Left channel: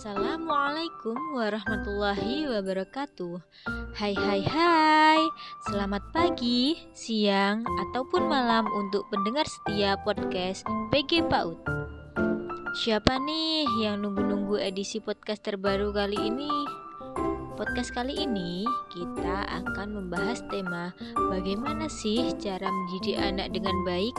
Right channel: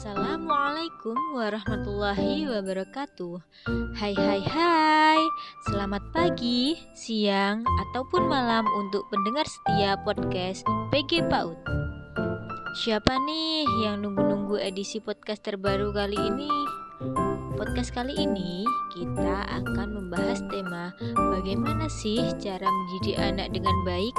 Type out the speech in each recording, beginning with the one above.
Assalamualaikum warahmatullahi wabarakatuh. Hai, selamat pagi, siang, ataupun malam untuk pendengar setia podcast PG PAUD. Siapa nih yang nunggu-nunggu edisi podcast terbaru kali ini? Podcast kali ini kita akan membahas tema bagaimana sih cara mendidik anak dengan baik.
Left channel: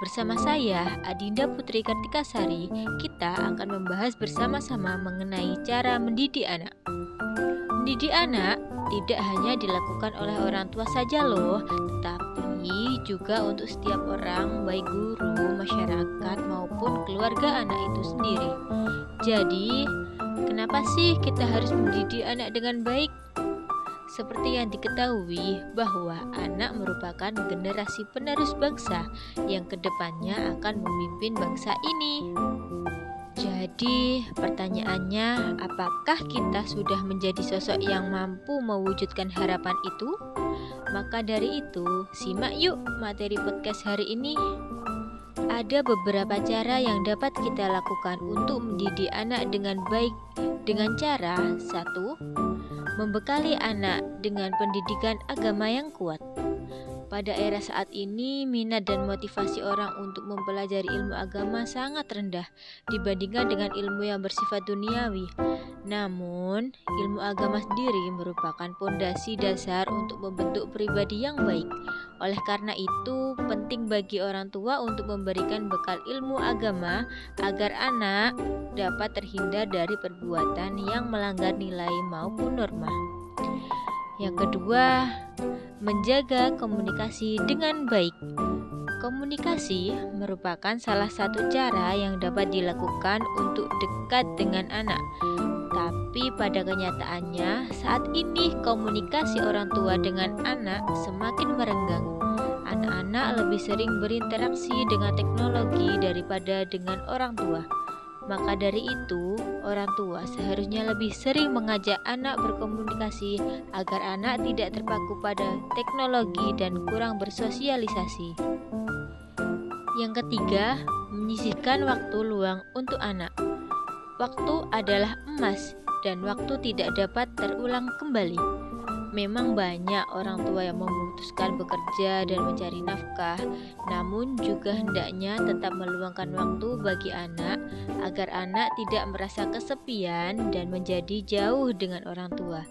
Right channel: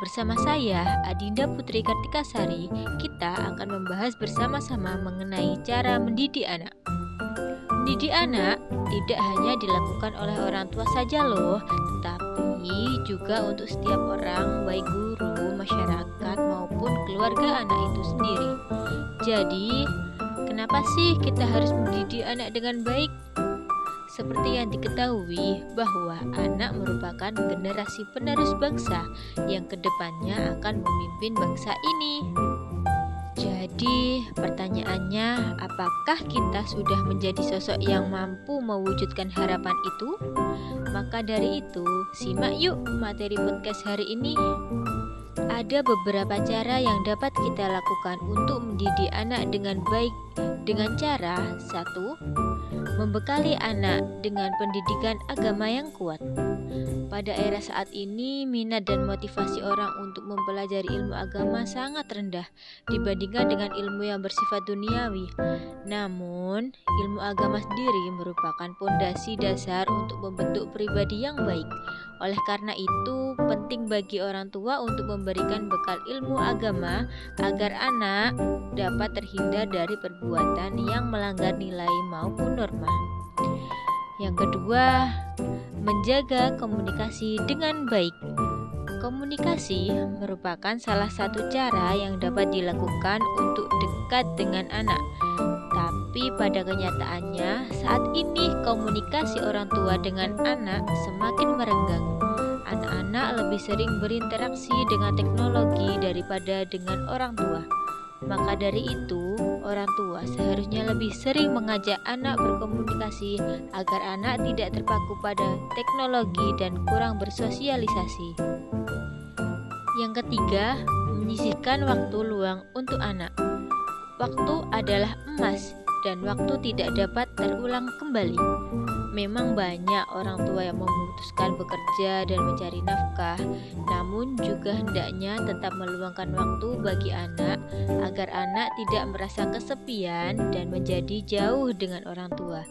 Bersama saya, Adinda Putri Kartikasari, kita akan membahas bersama-sama mengenai cara mendidik anak. Mendidik anak tidak hanya dilakukan oleh orang tua saja loh, tetapi juga untuk setiap orang, baik guru, masyarakat, maupun keluarga anak itu sendiri. Jadi, kenapa sih kita harus mendidik anak dengan baik? Seperti yang diketahui bahwa anak merupakan generasi penerus bangsa yang kedepannya akan memimpin bangsa ini. Jadi pertanyaannya, apakah kita sudah menjadi sosok yang mampu mewujudkan harapan itu? Maka dari itu, simak yuk materi podcast hari ini. Ada beberapa cara yang dapat kita lakukan untuk mendidik anak dengan baik dengan cara 1. Membekali anak dengan pendidikan agama yang kuat. Pada era saat ini, minat dan motivasi orang untuk mempelajari ilmu agama sangat rendah dibandingkan dengan ilmu yang bersifat duniawi. Namun, ilmu agama sendiri merupakan pondasi dasar untuk membentuk pribadi yang baik. Oleh karena itu, penting bagi orang tua untuk memberikan bekal ilmu agama agar anak dapat terhindar dari perbuatan yang melanggar nilai maupun norma. Yang kedua, menjaga komunikasi dengan baik. Komunikasi merupakan salah satu cara yang dapat dilakukan untuk dekat dengan anak. Tapi pada kenyataannya, saat ini komunikasi orang tua dengan anak semakin merenggang. Anak-anak lebih sering berinteraksi dengan teknologi daripada dengan orang tua. Maka dari itu, orang tua seharusnya lebih sering mengajak anak berkomunikasi agar anak tidak terpaku pada teknologi dan kurang bersosialisasi. Yang ketiga, menyisihkan waktu luang untuk anak. Waktu adalah emas dan waktu tidak dapat terulang kembali. Memang banyak orang tua yang memutuskan bekerja dan mencari nafkah, namun juga hendaknya tetap meluangkan waktu bagi anak agar anak tidak merasa kesepian dan menjadi jauh dengan orang tua.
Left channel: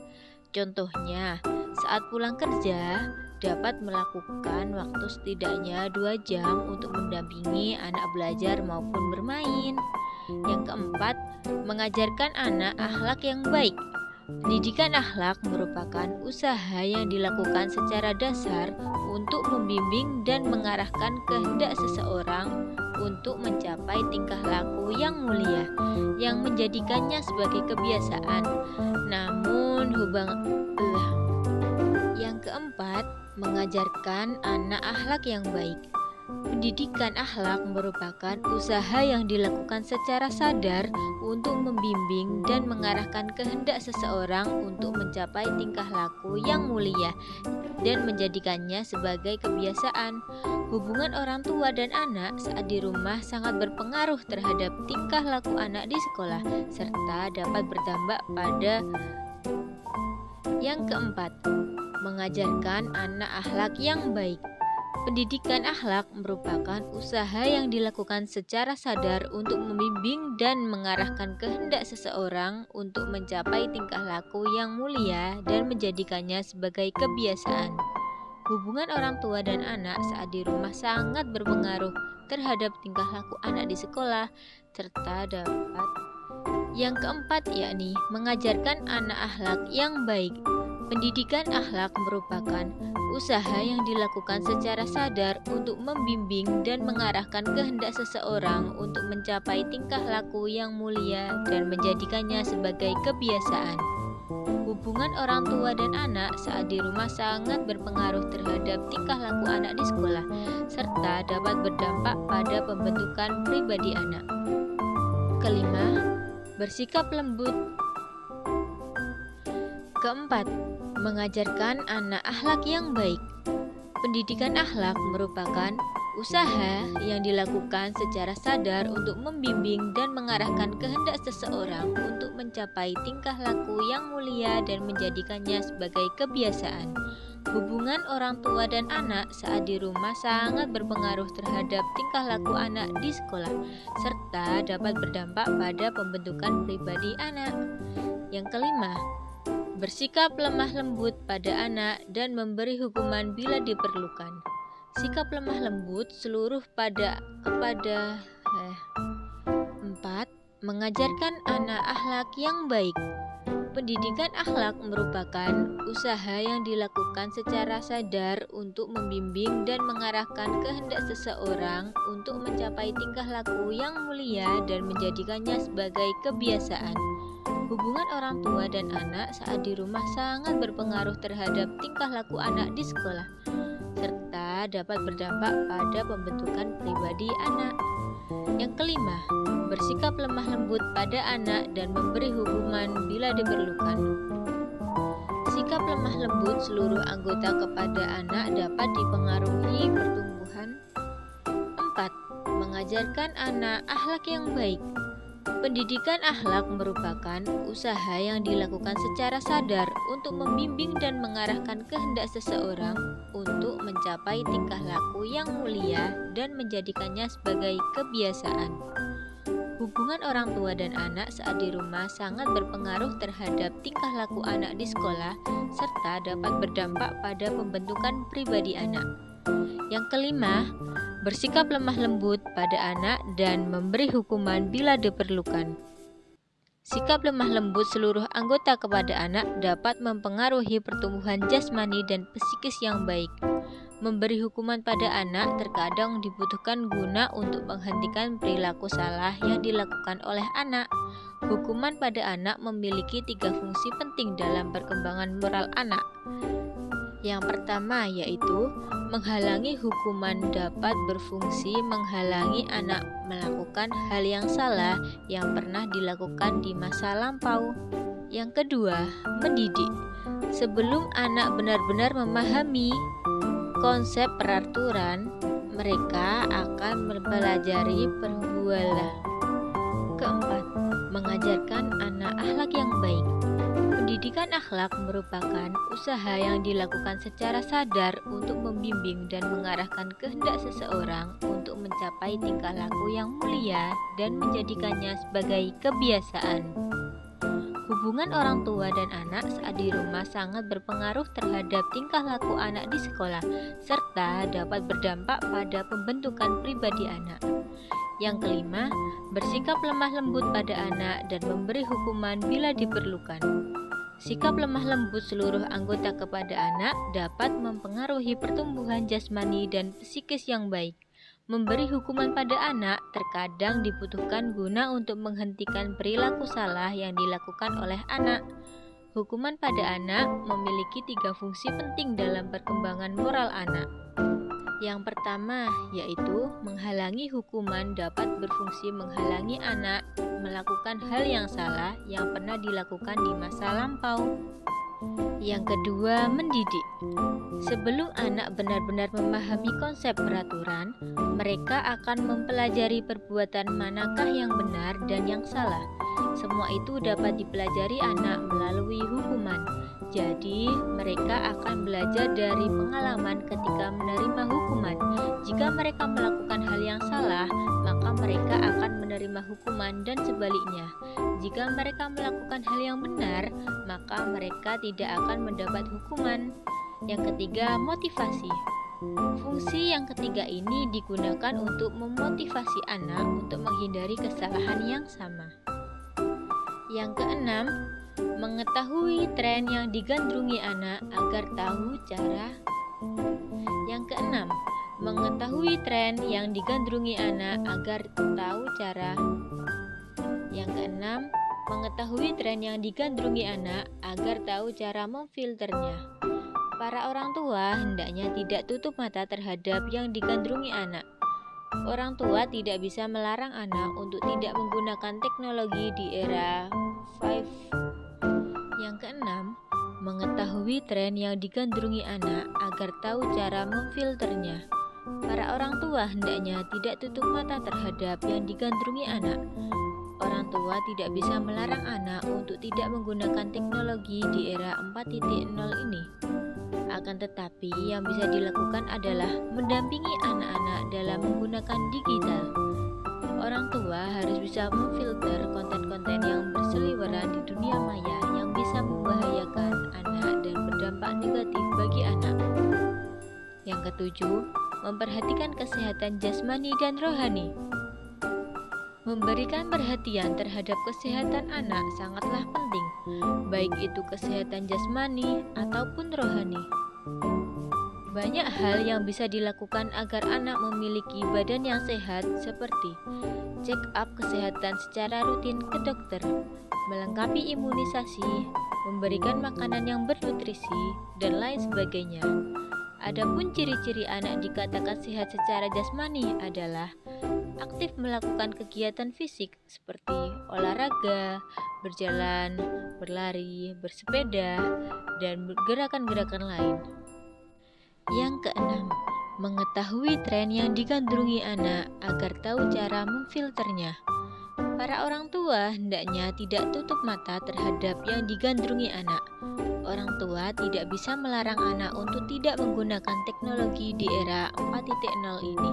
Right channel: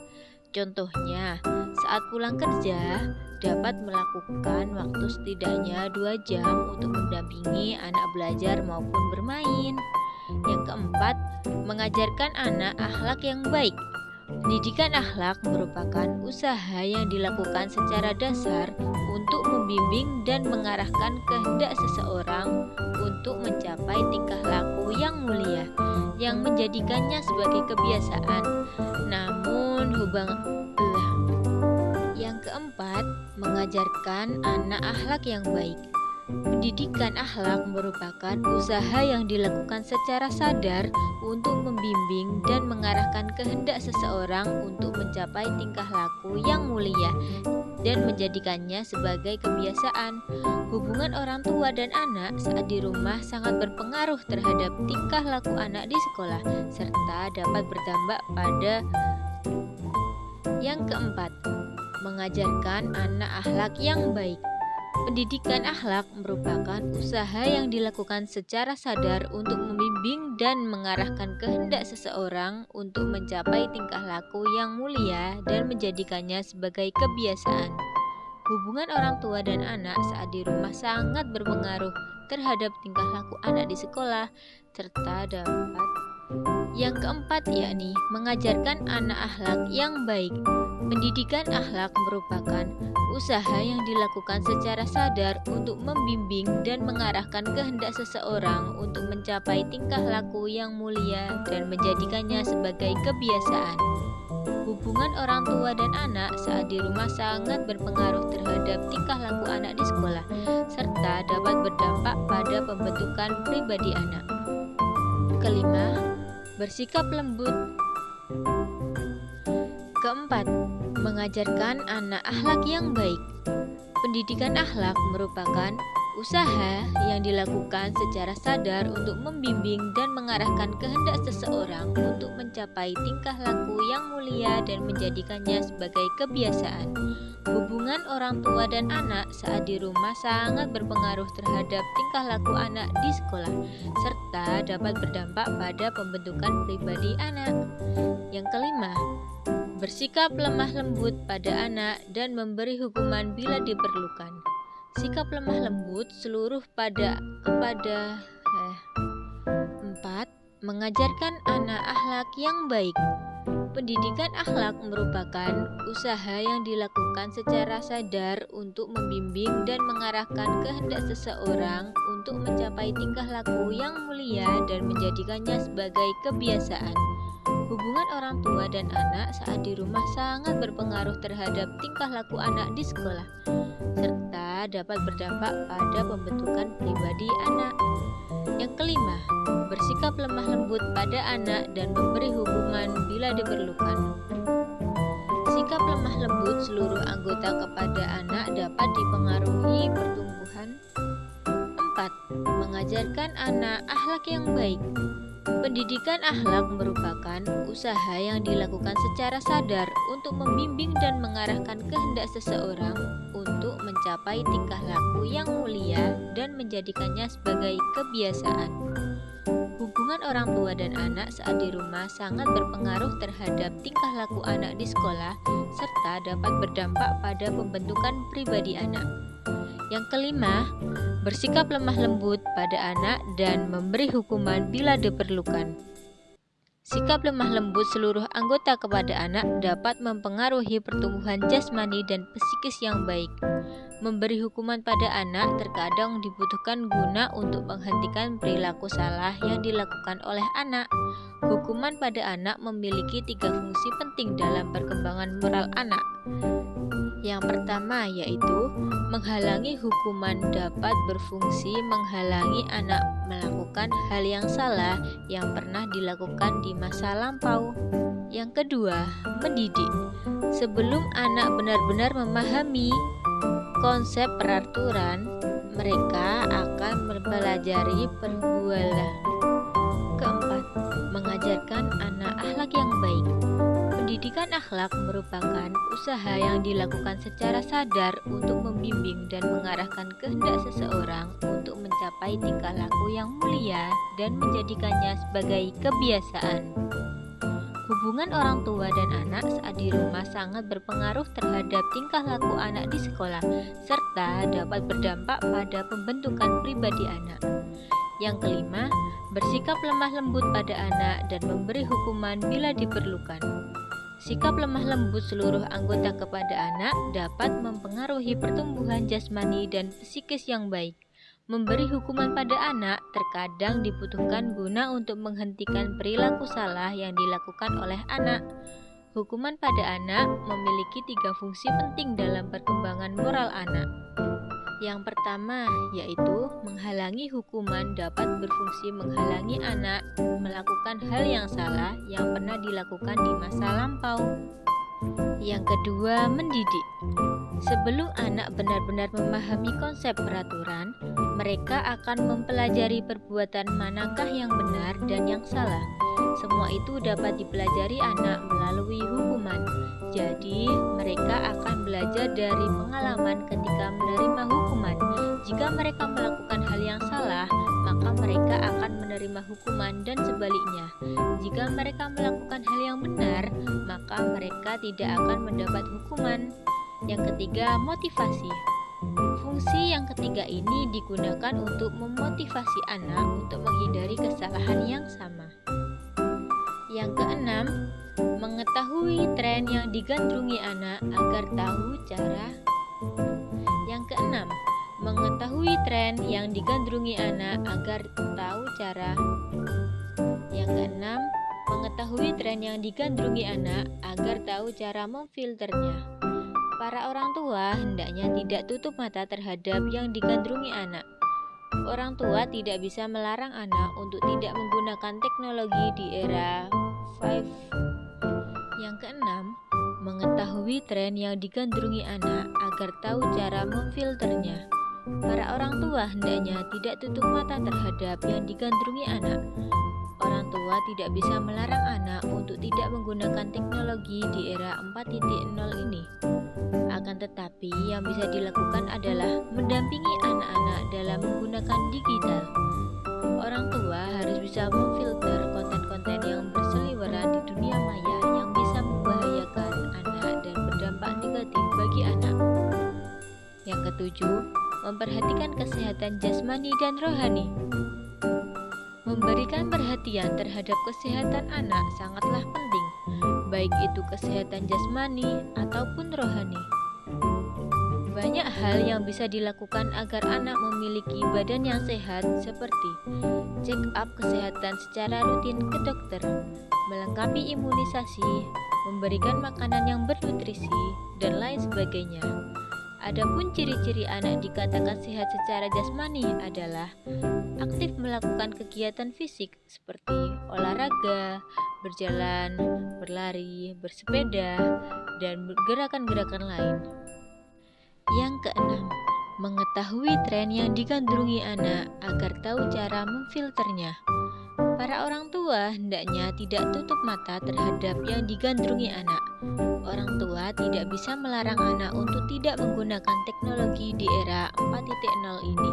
Contohnya, saat pulang kerja, dapat melakukan waktu setidaknya 2 jam untuk mendampingi anak belajar maupun bermain. Yang keempat, mengajarkan anak akhlak yang baik. Pendidikan akhlak merupakan usaha yang dilakukan secara dasar untuk membimbing dan mengarahkan kehendak seseorang untuk mencapai tingkah laku yang mulia, yang menjadikannya sebagai kebiasaan. Yang keempat, mengajarkan anak akhlak yang baik. Pendidikan akhlak merupakan usaha yang dilakukan secara sadar untuk membimbing dan mengarahkan kehendak seseorang untuk mencapai tingkah laku yang mulia dan menjadikannya sebagai kebiasaan. Hubungan orang tua dan anak saat di rumah sangat berpengaruh terhadap tingkah laku anak di sekolah, serta dapat berdampak pada yang keempat, mengajarkan anak akhlak yang baik. Pendidikan akhlak merupakan usaha yang dilakukan secara sadar untuk membimbing dan mengarahkan kehendak seseorang untuk mencapai tingkah laku yang mulia dan menjadikannya sebagai kebiasaan. Hubungan orang tua dan anak saat di rumah sangat berpengaruh terhadap tingkah laku anak di sekolah, serta dapat yang keempat yakni mengajarkan anak akhlak yang baik. Pendidikan akhlak merupakan usaha yang dilakukan secara sadar untuk membimbing dan mengarahkan kehendak seseorang untuk mencapai tingkah laku yang mulia dan menjadikannya sebagai kebiasaan. Hubungan orang tua dan anak saat di rumah sangat berpengaruh terhadap tingkah laku anak di sekolah, serta dapat berdampak pada pembentukan pribadi anak. Kelima, bersikap lembut. Keempat, mengajarkan anak akhlak yang baik. Pendidikan akhlak merupakan Usaha yang dilakukan secara sadar untuk membimbing dan mengarahkan kehendak seseorang untuk mencapai tingkah laku yang mulia dan menjadikannya sebagai kebiasaan. Hubungan orang tua dan anak saat di rumah sangat berpengaruh terhadap tingkah laku anak di sekolah, serta dapat berdampak pada pembentukan pribadi anak. Yang kelima, bersikap lemah lembut pada anak dan memberi hukuman bila diperlukan. Sikap lemah lembut seluruh kepada 4. Mengajarkan anak akhlak yang baik. Pendidikan akhlak merupakan usaha yang dilakukan secara sadar untuk membimbing dan mengarahkan kehendak seseorang untuk mencapai tingkah laku yang mulia dan menjadikannya sebagai kebiasaan. Hubungan orang tua dan anak saat di rumah sangat berpengaruh terhadap tingkah laku anak di sekolah, serta dapat berdampak pada pembentukan pribadi anak. Yang kelima, bersikap lemah lembut pada anak dan memberi hukuman bila diperlukan. Sikap lemah lembut seluruh anggota kepada anak dapat dipengaruhi pertumbuhan. 4. Mengajarkan anak akhlak yang baik. Pendidikan akhlak merupakan usaha yang dilakukan secara sadar untuk membimbing dan mengarahkan kehendak seseorang untuk mencapai tingkah laku yang mulia dan menjadikannya sebagai kebiasaan. Hubungan orang tua dan anak saat di rumah sangat berpengaruh terhadap tingkah laku anak di sekolah, serta dapat berdampak pada pembentukan pribadi anak. Yang kelima, bersikap lemah lembut pada anak dan memberi hukuman bila diperlukan. Sikap lemah lembut seluruh anggota kepada anak dapat mempengaruhi pertumbuhan jasmani dan psikis yang baik. Memberi hukuman pada anak terkadang dibutuhkan guna untuk menghentikan perilaku salah yang dilakukan oleh anak. Hukuman pada anak memiliki 3 fungsi penting dalam perkembangan moral anak. Yang pertama yaitu menghalangi hukuman dapat berfungsi menghalangi anak melakukan hal yang salah yang pernah dilakukan di masa lampau. Yang kedua, mendidik. Sebelum anak benar-benar memahami konsep peraturan, mereka akan mempelajari perbuatan. Keempat, mengajarkan anak akhlak yang baik. Pendidikan akhlak merupakan usaha yang dilakukan secara sadar untuk membimbing dan mengarahkan kehendak seseorang untuk mencapai tingkah laku yang mulia dan menjadikannya sebagai kebiasaan. Hubungan orang tua dan anak saat di rumah sangat berpengaruh terhadap tingkah laku anak di sekolah, serta dapat berdampak pada pembentukan pribadi anak. Yang kelima, bersikap lemah lembut pada anak dan memberi hukuman bila diperlukan. Sikap lemah lembut seluruh anggota kepada anak dapat mempengaruhi pertumbuhan jasmani dan psikis yang baik. Memberi hukuman pada anak terkadang dibutuhkan guna untuk menghentikan perilaku salah yang dilakukan oleh anak. Hukuman pada anak memiliki 3 fungsi penting dalam perkembangan moral anak. Yang pertama yaitu menghalangi hukuman dapat berfungsi menghalangi anak melakukan hal yang salah yang pernah dilakukan di masa lampau. Yang kedua, mendidik. Sebelum anak benar-benar memahami konsep peraturan, mereka akan mempelajari perbuatan manakah yang benar dan yang salah. Semua itu dapat dipelajari anak melalui hukuman. Jadi, mereka akan belajar dari pengalaman ketika menerima hukuman. Jika mereka melakukan hal yang salah, maka mereka akan menerima hukuman dan sebaliknya. Jika mereka melakukan hal yang benar, maka mereka tidak akan mendapat hukuman. Yang ketiga, motivasi. Fungsi yang ketiga ini digunakan untuk memotivasi anak untuk menghindari kesalahan yang sama. Yang keenam, mengetahui tren yang digandrungi anak agar tahu cara. Yang keenam, mengetahui tren yang digandrungi anak agar tahu cara. Yang keenam, mengetahui tren yang digandrungi anak agar tahu cara memfilternya. Para orang tua hendaknya tidak tutup mata terhadap yang digandrungi anak. Orang tua tidak bisa melarang anak untuk tidak menggunakan teknologi di era 5. Yang keenam, mengetahui tren yang digandrungi anak agar tahu cara memfilternya. Para orang tua hendaknya tidak tutup mata terhadap yang digandrungi anak. Orang tua tidak bisa melarang anak untuk tidak menggunakan teknologi di era 4.0 ini. Akan tetapi, yang bisa dilakukan adalah mendampingi anak-anak dalam menggunakan digital. Orang tua harus bisa memfilter konten-konten yang berseliweran di dunia maya yang bisa membahayakan anak dan berdampak negatif bagi anak. Yang ketujuh, memperhatikan kesehatan jasmani dan rohani. Memberikan perhatian terhadap kesehatan anak sangatlah penting, baik itu kesehatan jasmani ataupun rohani. Banyak hal yang bisa dilakukan agar anak memiliki badan yang sehat, seperti check up kesehatan secara rutin ke dokter, melengkapi imunisasi, memberikan makanan yang bernutrisi, dan lain sebagainya. Adapun ciri-ciri anak dikatakan sehat secara jasmani adalah aktif melakukan kegiatan fisik seperti olahraga, berjalan, berlari, bersepeda, dan gerakan-gerakan lain. Yang keenam, mengetahui tren yang digandrungi anak agar tahu cara memfilternya. Para orang tua hendaknya tidak tutup mata terhadap yang digandrungi anak. Orang tua tidak bisa melarang anak untuk tidak menggunakan teknologi di era 4.0 ini.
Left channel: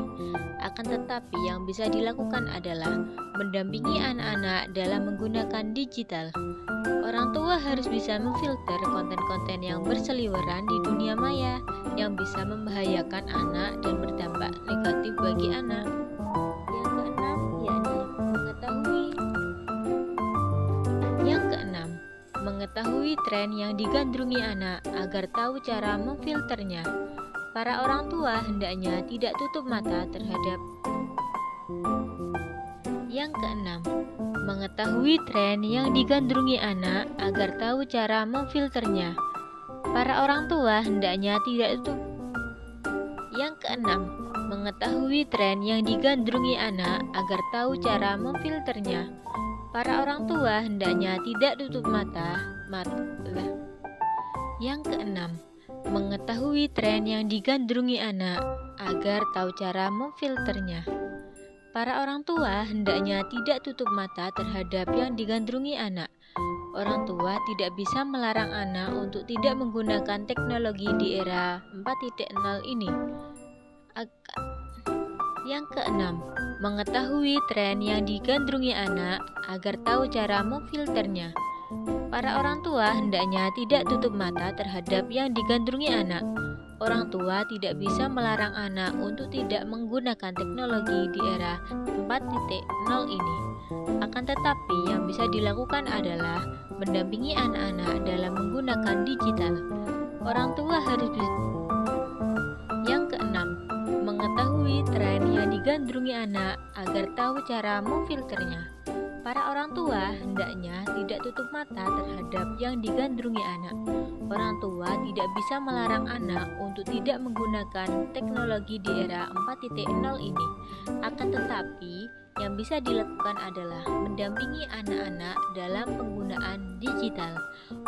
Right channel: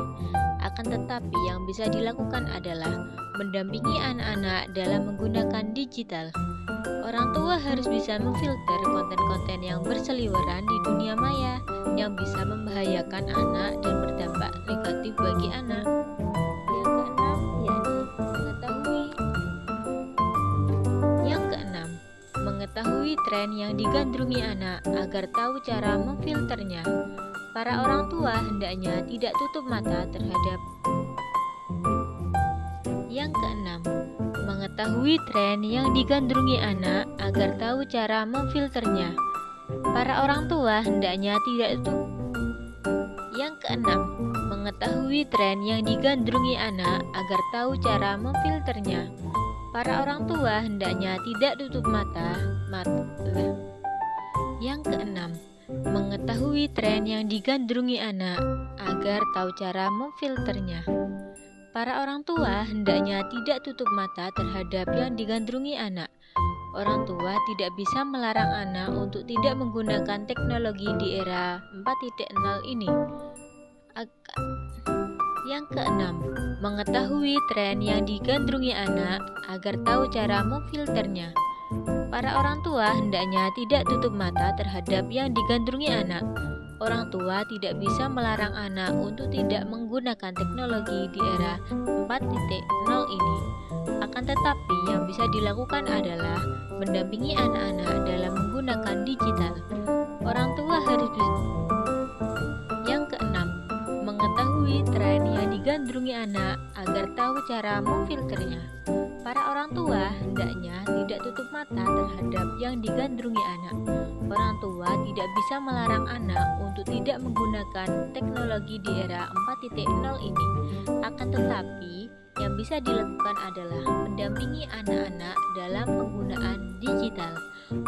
Akan tetapi yang bisa dilakukan adalah mendampingi anak-anak dalam menggunakan digital. Orang tua harus bisa memfilter konten-konten yang berseliweran di dunia maya yang bisa membahayakan anak dan berdampak negatif bagi anak. Yang keenam, mengetahui tren yang digandrungi anak agar tahu cara memfilternya. Para orang tua hendaknya tidak tutup mata terhadap. Yang keenam, mengetahui tren yang digandrungi anak agar tahu cara memfilternya. Para orang tua hendaknya tidak tutup. Yang keenam, mengetahui tren yang digandrungi anak agar tahu cara memfilternya. Para orang tua hendaknya tidak tutup mata. Yang keenam, mengetahui tren yang digandrungi anak agar tahu cara memfilternya. Para orang tua hendaknya tidak tutup mata terhadap yang digandrungi anak. Orang tua tidak bisa melarang anak untuk tidak menggunakan teknologi di era 4.0 ini. Yang keenam, mengetahui tren yang digandrungi anak agar tahu cara memfilternya. Para orang tua hendaknya tidak tutup mata terhadap yang digandrungi anak. Orang tua tidak bisa melarang anak untuk tidak menggunakan teknologi di era 4.0 ini. Akan tetapi yang bisa dilakukan adalah mendampingi anak-anak dalam menggunakan digital. Orang tua harus Yang keenam, mengetahui tren yang digandrungi anak agar tahu cara memfilternya. Para orang tua hendaknya tidak tutup mata terhadap yang digandrungi anak. Orang tua tidak bisa melarang anak untuk tidak menggunakan teknologi di era 4.0 ini. Akan tetapi, yang bisa dilakukan adalah mendampingi anak-anak dalam penggunaan digital.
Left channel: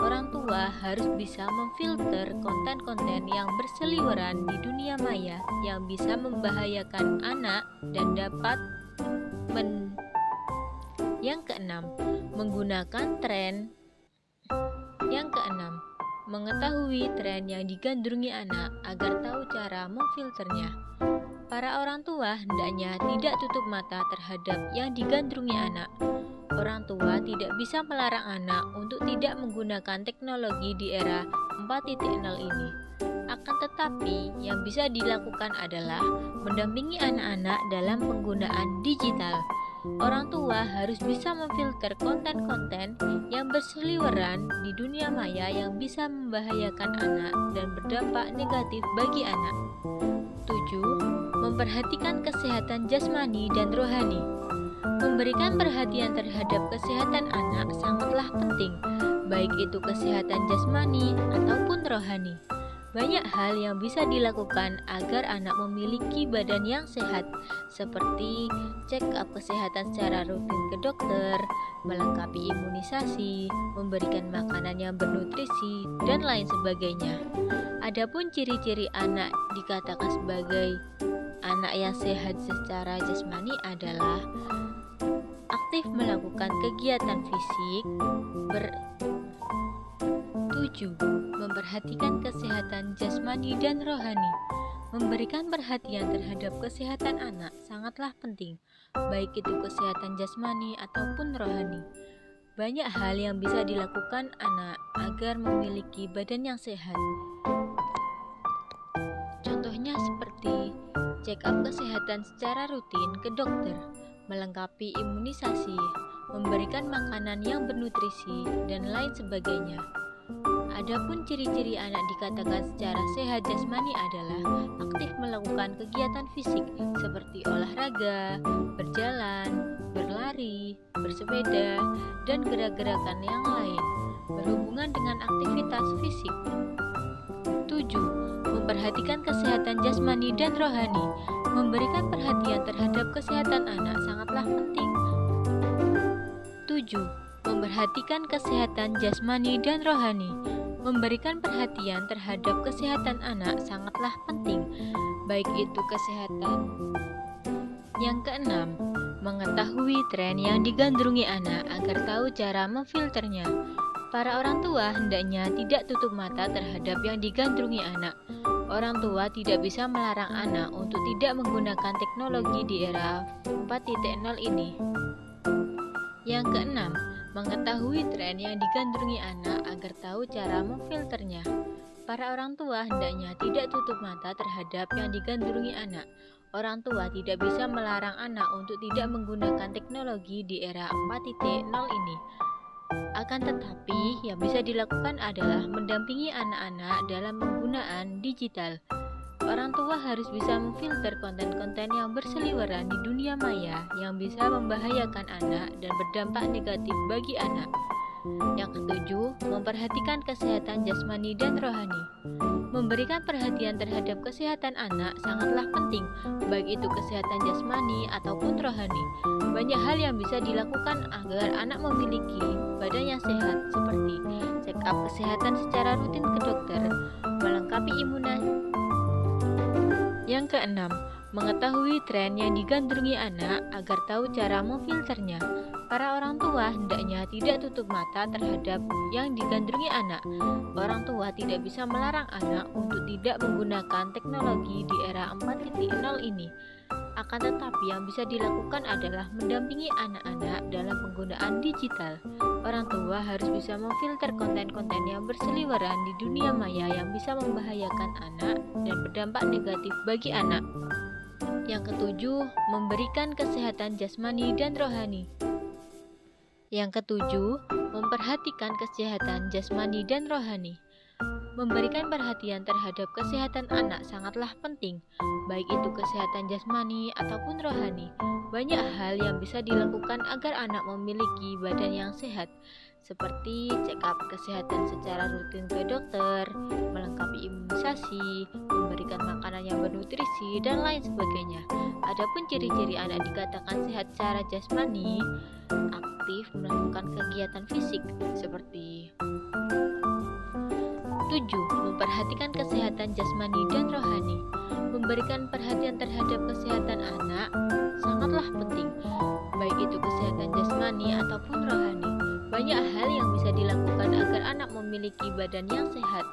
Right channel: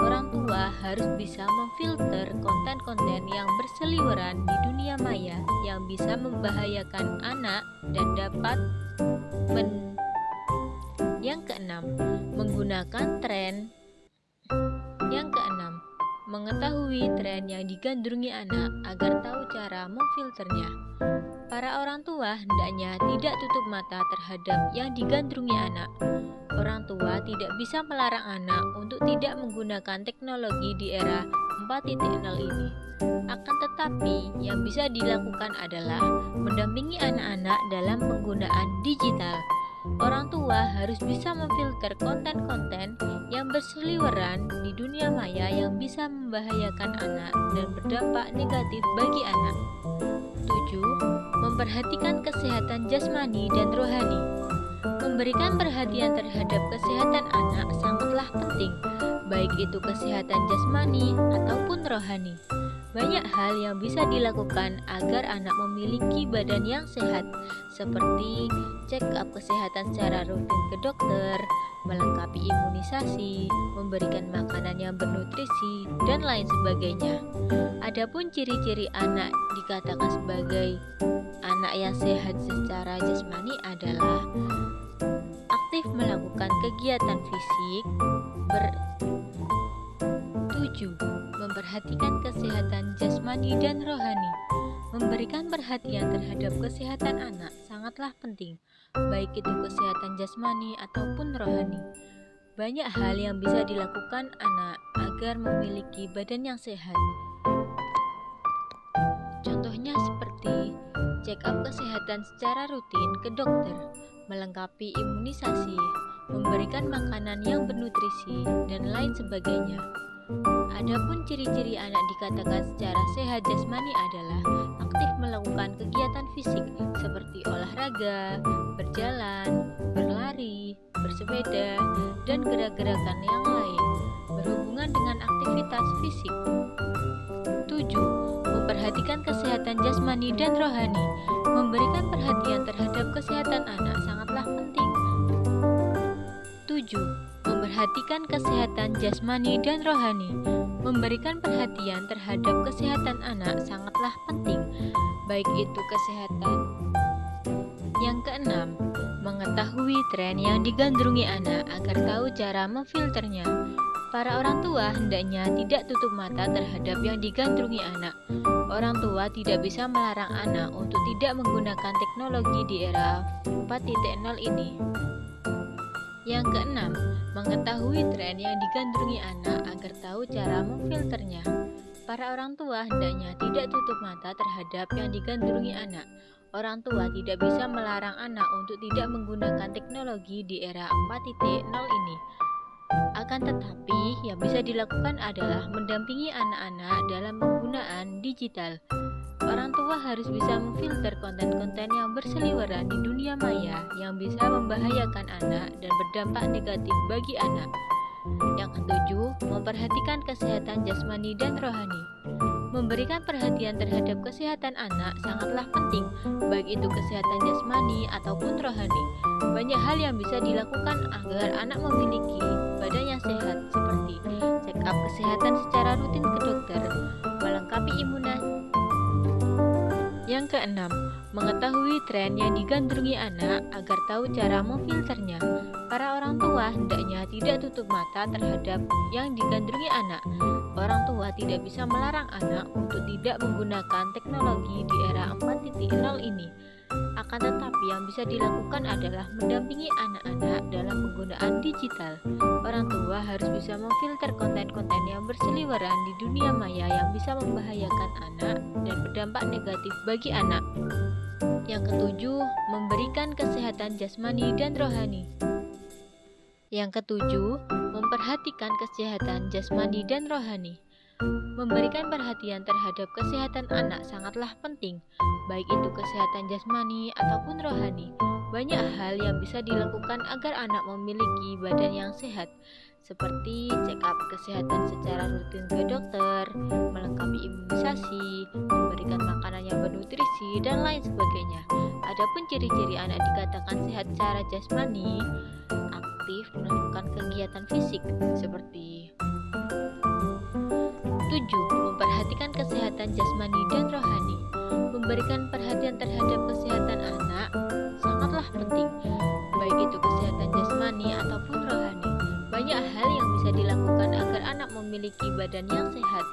Orang tua harus bisa memfilter konten-konten yang berseliweran di dunia maya yang bisa membahayakan anak dan dapat Yang keenam, menggunakan tren. Yang keenam, mengetahui tren yang digandrungi anak agar tahu cara memfilternya. Para orang tua hendaknya tidak tutup mata terhadap yang digandrungi anak. Orang tua tidak bisa melarang anak untuk tidak menggunakan teknologi di era 4.0 ini. Akan tetapi, yang bisa dilakukan adalah mendampingi anak-anak dalam penggunaan digital. Orang tua harus bisa memfilter konten-konten yang berseliweran di dunia maya yang bisa membahayakan anak dan berdampak negatif bagi anak. 7. Memperhatikan kesehatan jasmani dan rohani. Memberikan perhatian terhadap kesehatan anak sangatlah penting, baik itu kesehatan jasmani ataupun rohani. Banyak hal yang bisa dilakukan agar anak memiliki badan yang sehat, seperti check up kesehatan secara rutin ke dokter, melengkapi imunisasi, memberikan makanan yang bernutrisi, dan lain sebagainya. Adapun ciri-ciri anak dikatakan sebagai anak yang sehat secara jasmani adalah aktif melakukan kegiatan fisik, 7. Memperhatikan kesehatan jasmani dan rohani. Memberikan perhatian terhadap kesehatan anak sangatlah penting, baik itu kesehatan jasmani ataupun rohani. Banyak hal yang bisa dilakukan anak agar memiliki badan yang sehat. Contohnya seperti check up kesehatan secara rutin ke dokter, melengkapi imunisasi, memberikan makanan yang bernutrisi, dan lain sebagainya. Adapun ciri-ciri anak dikatakan secara sehat jasmani adalah aktif melakukan kegiatan fisik seperti olahraga, berjalan, berlari, bersepeda, dan gerak-gerakan yang lain berhubungan dengan aktivitas fisik. 7. Memperhatikan kesehatan jasmani dan rohani. Memberikan perhatian terhadap kesehatan anak sangatlah penting. 7. Memperhatikan kesehatan jasmani dan rohani. Memberikan perhatian terhadap kesehatan anak sangatlah penting, baik itu kesehatan. Yang keenam, mengetahui tren yang digandrungi anak agar tahu cara memfilternya. Para orang tua hendaknya tidak tutup mata terhadap yang digandrungi anak. Orang tua tidak bisa melarang anak untuk tidak menggunakan teknologi di era 4.0 ini. Yang keenam, mengetahui tren yang digandrungi anak agar tahu cara memfilternya. Para orang tua hendaknya tidak tutup mata terhadap yang digandrungi anak. Orang tua tidak bisa melarang anak untuk tidak menggunakan teknologi di era 4.0 ini. Akan tetapi, yang bisa dilakukan adalah mendampingi anak-anak dalam penggunaan digital. Orang tua harus bisa memfilter konten-konten yang berseliweran di dunia maya yang bisa membahayakan anak dan berdampak negatif bagi anak. Yang ketujuh, memperhatikan kesehatan jasmani dan rohani. Memberikan perhatian terhadap kesehatan anak sangatlah penting, baik itu kesehatan jasmani ataupun rohani. Banyak hal yang bisa dilakukan agar anak memiliki badan yang sehat, seperti check up kesehatan secara rutin ke dokter, melengkapi imunisasi. Yang keenam, mengetahui tren yang digandrungi anak agar tahu cara memfilternya. Para orang tua hendaknya tidak tutup mata terhadap yang digandrungi anak. Orang tua tidak bisa melarang anak untuk tidak menggunakan teknologi di era 4.0 ini. Akan tetapi yang bisa dilakukan adalah mendampingi anak-anak dalam penggunaan digital. Orang tua harus bisa memfilter konten-konten yang berseliweran di dunia maya yang bisa membahayakan anak dan berdampak negatif bagi anak. Yang ketujuh, memberikan kesehatan jasmani dan rohani. Yang ketujuh, memperhatikan kesehatan jasmani dan rohani. Memberikan perhatian terhadap kesehatan anak sangatlah penting, baik itu kesehatan jasmani ataupun rohani. Banyak hal yang bisa dilakukan agar anak memiliki badan yang sehat, seperti check up kesehatan secara rutin ke dokter, melengkapi imunisasi, memberikan makanan yang bernutrisi, dan lain sebagainya. Adapun ciri-ciri anak dikatakan sehat secara jasmani, aktif melakukan kegiatan fisik, seperti 7. Memperhatikan kesehatan jasmani dan rohani. Memberikan perhatian terhadap kesehatan anak sangatlah penting, baik itu kesehatan jasmani ataupun rohani. Banyak hal yang bisa dilakukan agar anak memiliki badan yang sehat,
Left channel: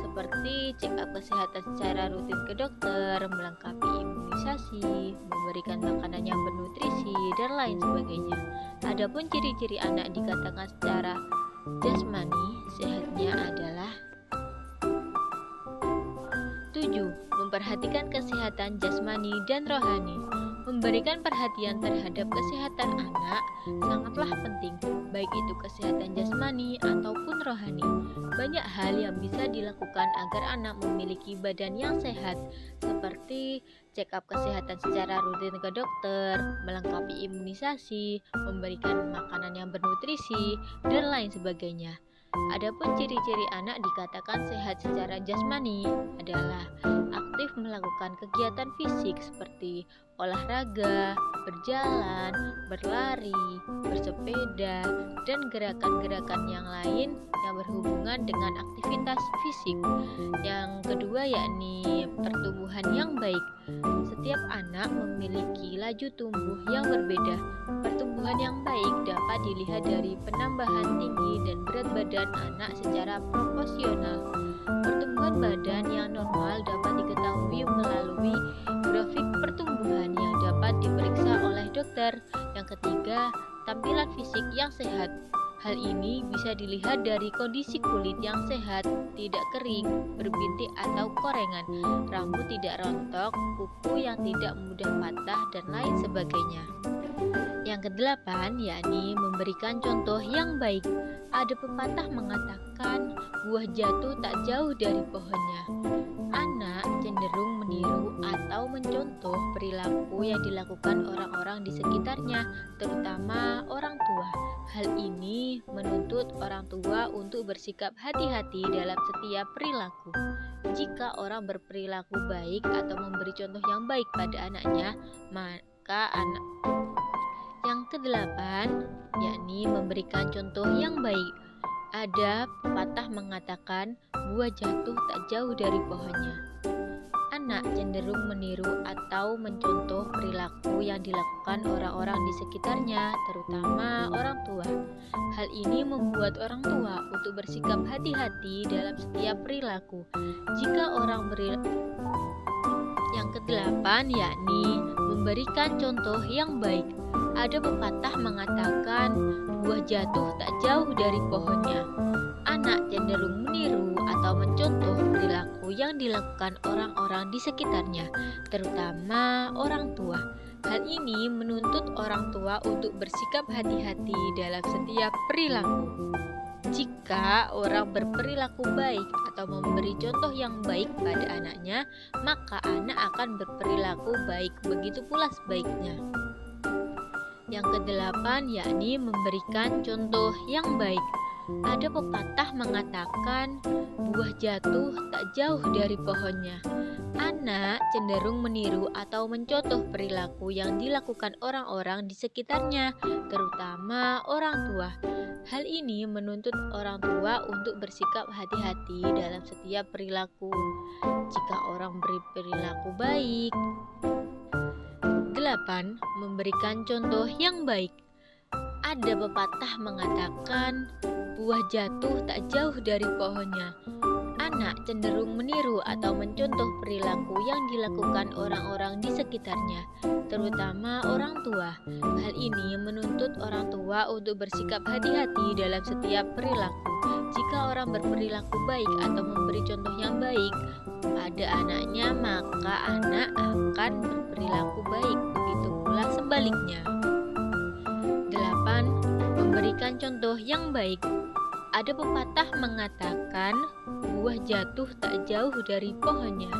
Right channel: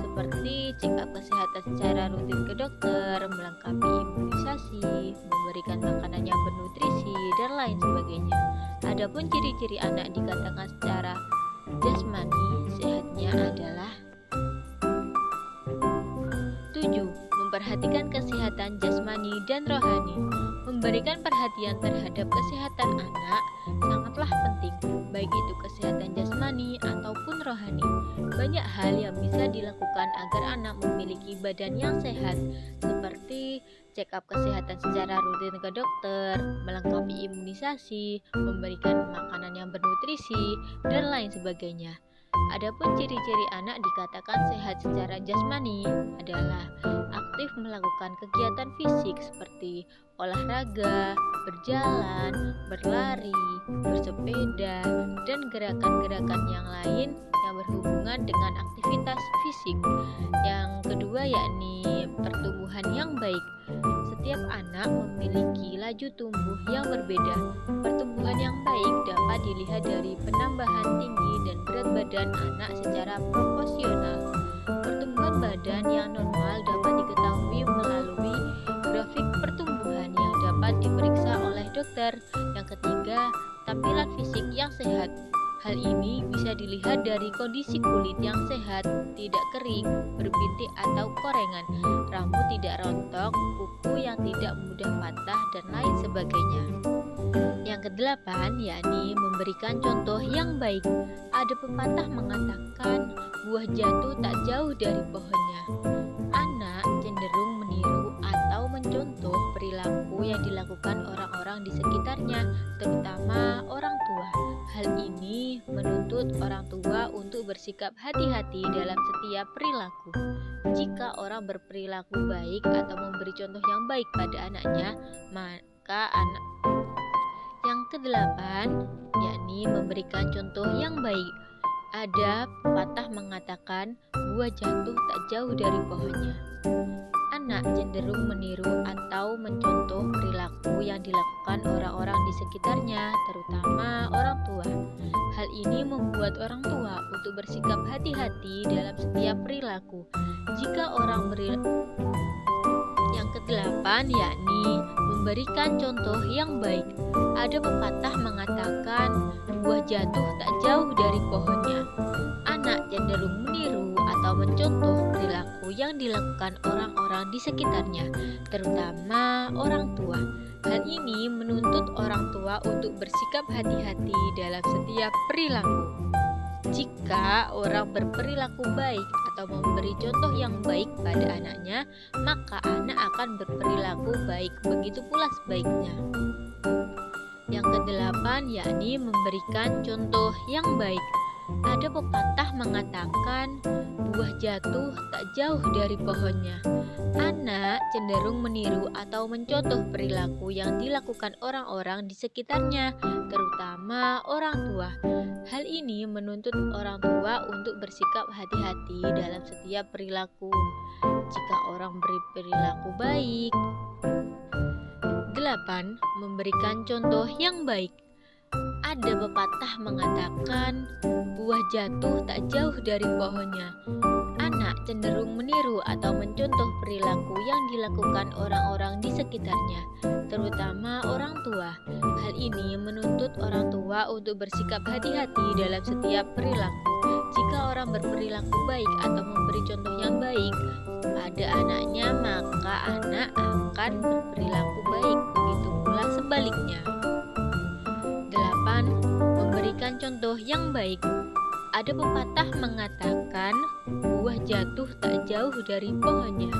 seperti check up kesehatan secara rutin ke dokter, melengkapi imunisasi, memberikan makanan yang bernutrisi, dan lain sebagainya. Adapun ciri-ciri anak dikatakan secara jasmani sehatnya adalah 7. Memperhatikan kesehatan jasmani dan rohani. Memberikan perhatian terhadap kesehatan anak sangatlah penting, baik itu kesehatan jasmani ataupun rohani. Banyak hal yang bisa dilakukan agar anak memiliki badan yang sehat, seperti check up kesehatan secara rutin ke dokter, melengkapi imunisasi, memberikan makanan yang bernutrisi, dan lain sebagainya. Adapun ciri-ciri anak dikatakan sehat secara jasmani adalah aktif melakukan kegiatan fisik seperti olahraga, berjalan, berlari, bersepeda, dan gerakan-gerakan yang lain yang berhubungan dengan aktivitas fisik. Yang kedua yakni pertumbuhan yang baik. Setiap anak memiliki laju tumbuh yang berbeda. Pertumbuhan yang baik dapat dilihat dari penambahan tinggi dan berat badan anak secara proporsional. Pertumbuhan badan yang normal dapat diketahui melalui grafik pertumbuhan yang dapat diperiksa oleh dokter. Yang ketiga, tampilan fisik yang sehat. Hal ini bisa dilihat dari kondisi kulit yang sehat, tidak kering, berbintik atau korengan, rambut tidak rontok, kuku yang tidak mudah patah, dan lain sebagainya. Yang kedelapan yakni memberikan contoh yang baik. Ada pepatah mengatakan buah jatuh tak jauh dari pohonnya. Anak cenderung meniru atau mencontoh perilaku yang dilakukan orang-orang di sekitarnya, terutama orang tua. Hal ini menuntut orang tua untuk bersikap hati-hati dalam setiap perilaku. Jika orang berperilaku baik atau memberi contoh yang baik pada anaknya, maka anak yang kedelapan yakni memberikan contoh yang baik. Ada pepatah mengatakan buah jatuh tak jauh dari pohonnya. Anak cenderung meniru atau mencontoh perilaku yang dilakukan orang-orang di sekitarnya, terutama orang tua. Hal ini membuat orang tua untuk bersikap hati-hati dalam setiap perilaku. Yang kedelapan yakni memberikan contoh yang baik. Ada pepatah mengatakan buah jatuh tak jauh dari pohonnya. Anak cenderung meniru atau mencontoh perilaku yang dilakukan orang-orang di sekitarnya, terutama orang tua. Hal ini menuntut orang tua untuk bersikap hati-hati dalam setiap perilaku. Jika orang berperilaku baik atau memberi contoh yang baik pada anaknya, maka anak akan berperilaku baik, begitu pula sebaliknya. Yang kedelapan yakni memberikan contoh yang baik. Ada pepatah mengatakan buah jatuh tak jauh dari pohonnya. Anak cenderung meniru atau mencontoh perilaku yang dilakukan orang-orang di sekitarnya, terutama orang tua. Hal ini menuntut orang tua untuk bersikap hati-hati dalam setiap perilaku. Jika orang berperilaku baik. 8. Memberikan contoh yang baik. Ada pepatah mengatakan buah jatuh tak jauh dari pohonnya. Anak cenderung meniru atau mencontoh perilaku yang dilakukan orang-orang di sekitarnya, terutama orang tua. Hal ini menuntut orang tua untuk bersikap hati-hati dalam setiap perilaku. Jika orang berperilaku baik atau memberi contoh yang baik pada anaknya, maka anak akan berperilaku baik, begitu pula sebaliknya. 8. Memberikan contoh yang baik. Ada pepatah mengatakan buah jatuh tak jauh dari pohonnya.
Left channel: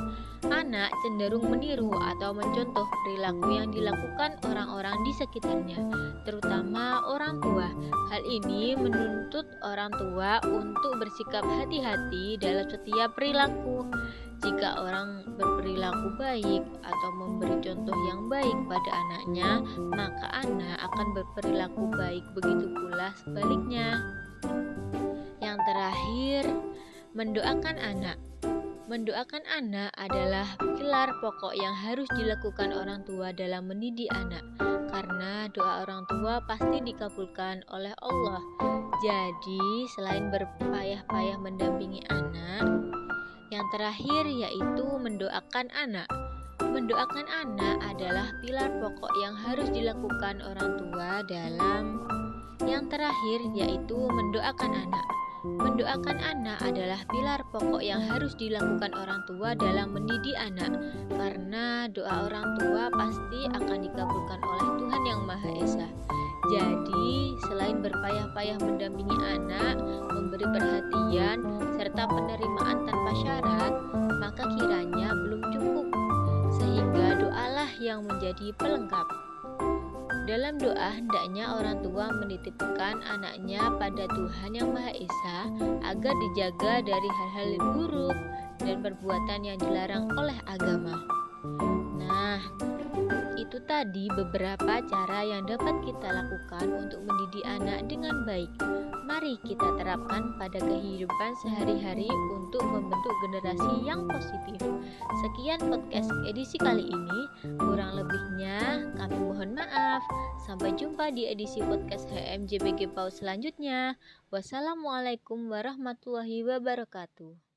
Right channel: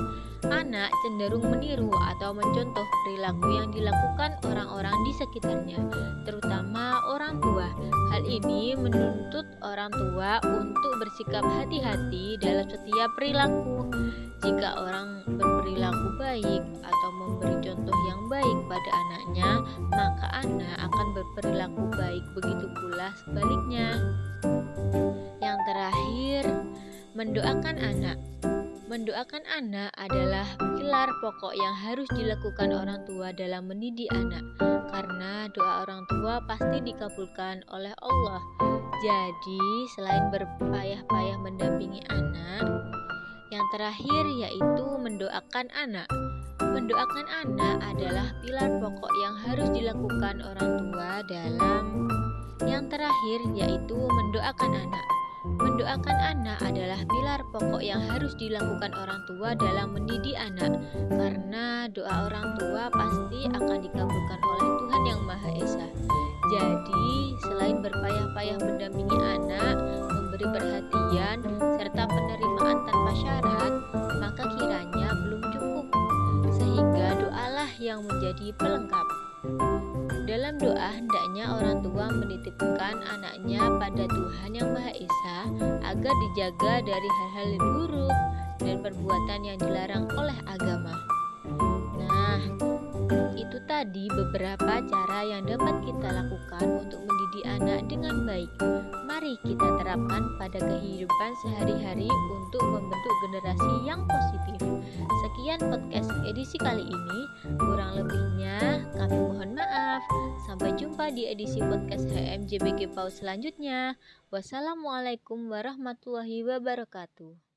Anak cenderung meniru atau mencontoh perilaku yang dilakukan orang-orang di sekitarnya, terutama orang tua. Hal ini menuntut orang tua untuk bersikap hati-hati dalam setiap perilaku. Jika orang berperilaku baik atau memberi contoh yang baik pada anaknya, maka anak akan berperilaku baik, begitu pula sebaliknya. Yang terakhir, mendoakan anak. Mendoakan anak adalah pilar pokok yang harus dilakukan orang tua dalam mendidik anak, karena doa orang tua pasti dikabulkan oleh Allah. Jadi, selain berpayah-payah mendampingi anak, yang terakhir yaitu mendoakan anak. Mendoakan anak adalah pilar pokok yang harus dilakukan orang tua dalam yang terakhir yaitu mendoakan anak. Mendoakan anak adalah pilar pokok yang harus dilakukan orang tua dalam mendidik anak, karena doa orang tua pasti akan dikabulkan oleh Tuhan Yang Maha Esa. Jadi, selain berpayah-payah mendampingi anak, memberi perhatian, serta penerimaan tanpa syarat, maka kiranya belum cukup, sehingga doalah yang menjadi pelengkap. Dalam doa, hendaknya orang tua menitipkan anaknya pada Tuhan Yang Maha Esa agar dijaga dari hal-hal buruk dan perbuatan yang dilarang oleh agama. Nah, itu tadi beberapa cara yang dapat kita lakukan untuk mendidik anak dengan baik. Mari kita terapkan pada kehidupan sehari-hari untuk membentuk generasi yang positif. Sekian podcast edisi kali ini, kurang lebihnya kami mohon maaf. Sampai jumpa di edisi podcast HMJBG PAUD selanjutnya. Wassalamualaikum warahmatullahi wabarakatuh.